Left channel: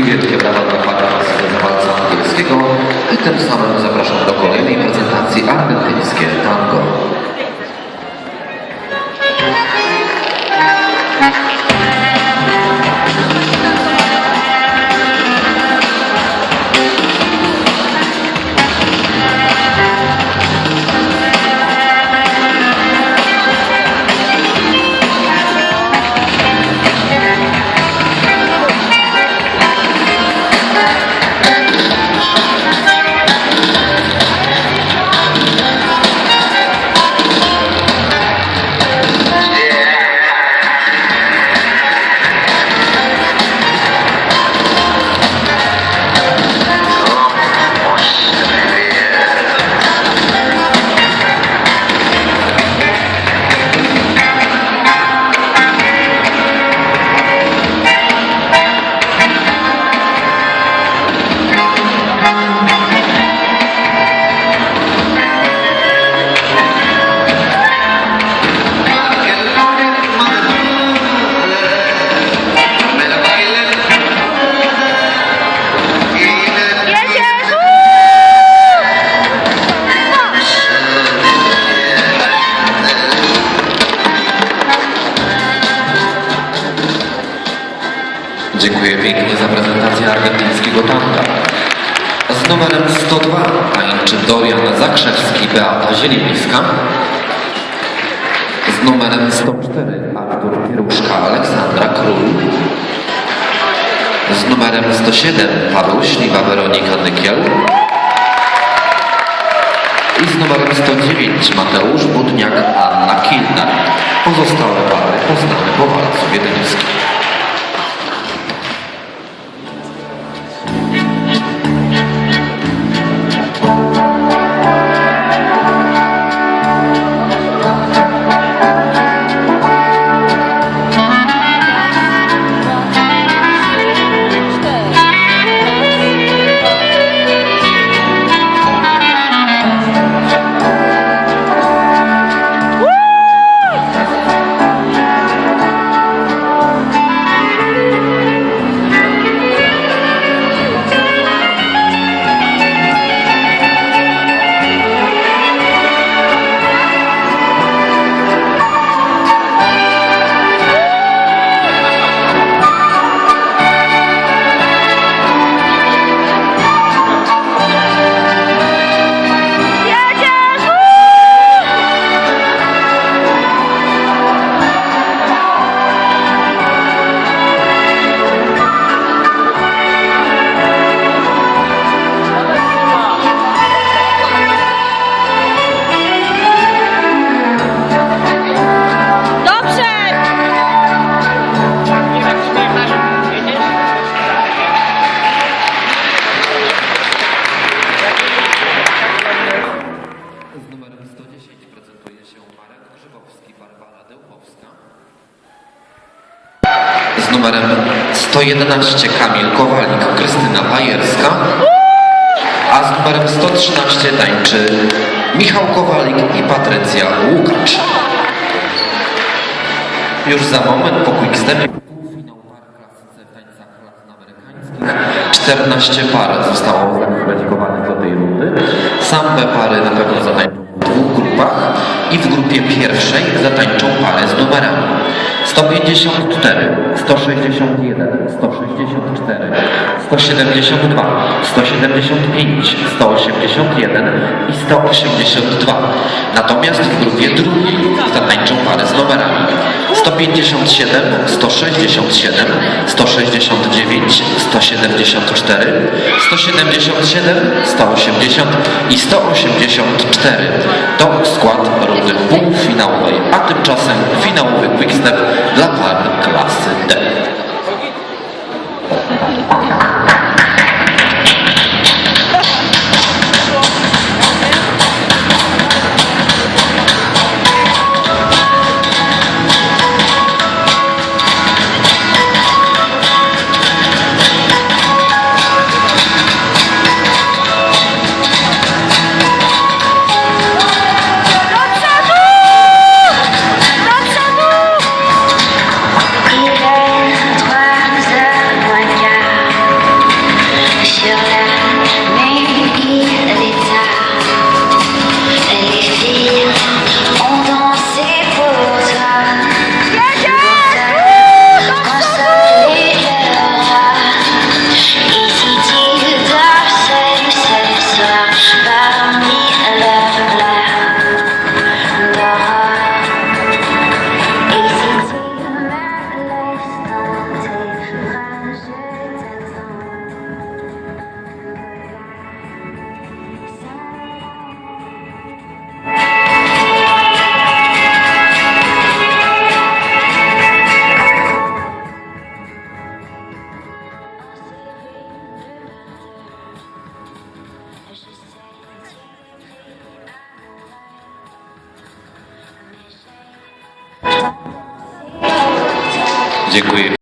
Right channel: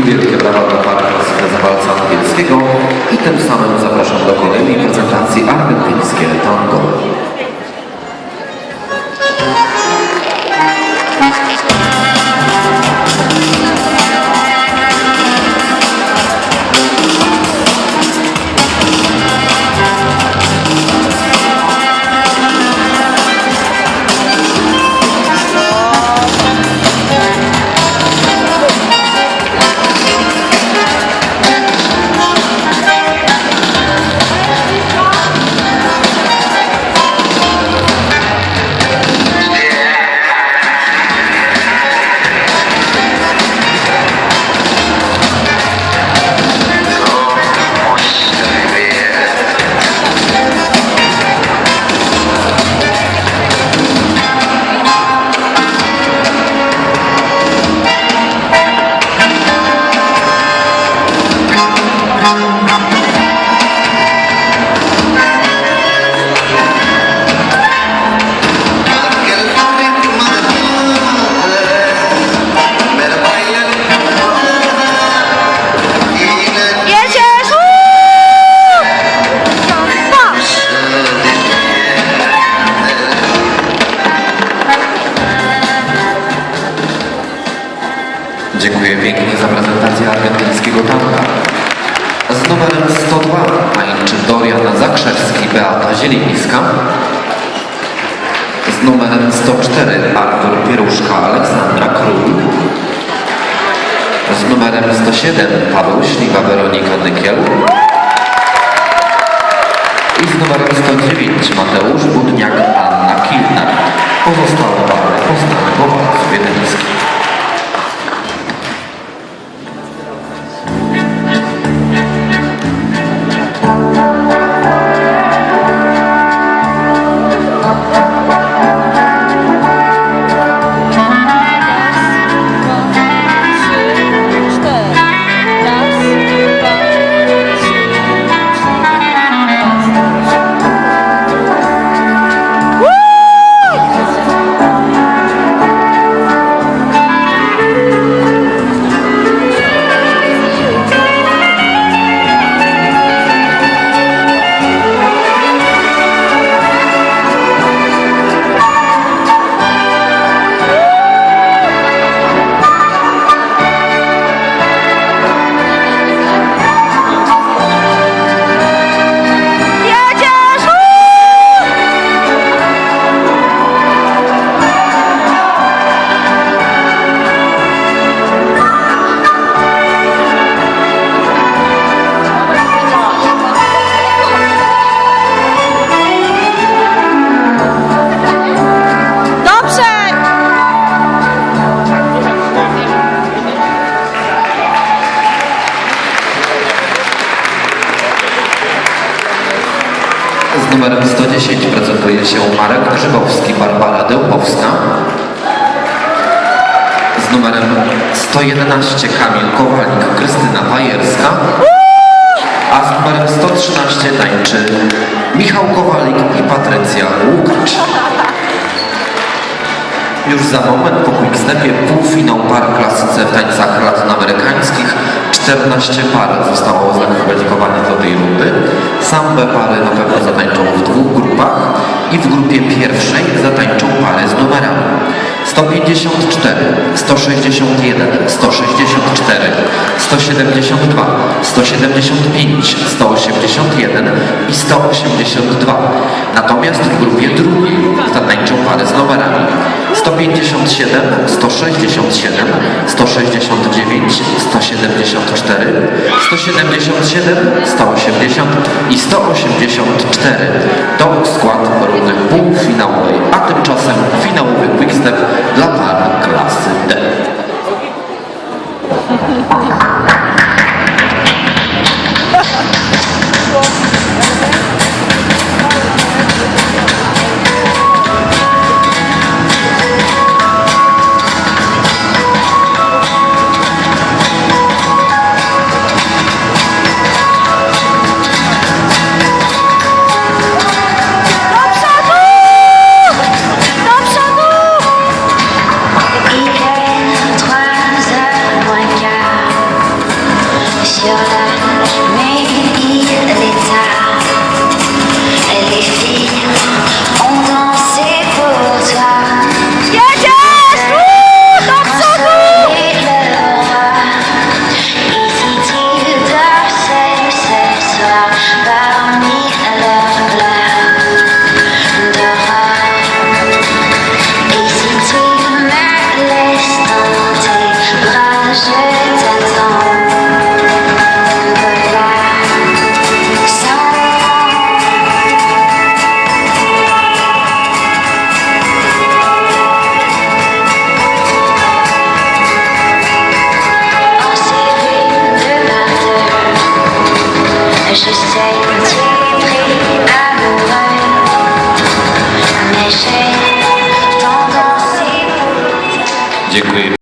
I wielkie brawa dla pana zawalca angielskiego. I tym samym zapraszam do kolejnej prezentacji argentyńskie tango. Prezentację argentyńskiego tanka. Z numerem 102 tańczy Dorian Zakrzewski, Beata Zielińska. Z numerem 104 Artur Pieruszka, Aleksandra Król. Z numerem 107 Paweł Śliwa, Weronika Nykiel. I z numerem 109 Mateusz Budniak, Anna Kilner. Pozostałe pary poznane po wiedeńskim. Marek Grzybowski, Barbara Dełkowska. Z numerem 111 Kamil Kowalik, Krystyna Pajerska. A z numerem 113 tańczy Michał Kowalik i Patrycja Łukacz. Już za moment po Quickstepie półfinał par klasyce w tańcach latynoamerykańskich. 14 par zostało zakwalifikowanych do tej rundy. Same pary na pewno zatańczą w i w grupie pierwszej zatańczą pary z numerami 154, 161, 164, 172, 175, 181 i 182. Natomiast w grupie drugiej zatańczą pary z numerami 157, 167, 169, 174, 177, 180 i 184. To skład rundy półfinałowej, a tymczasem finałowy quickstep dla par klasy D. Do przodu! Do przodu! Dziękuję.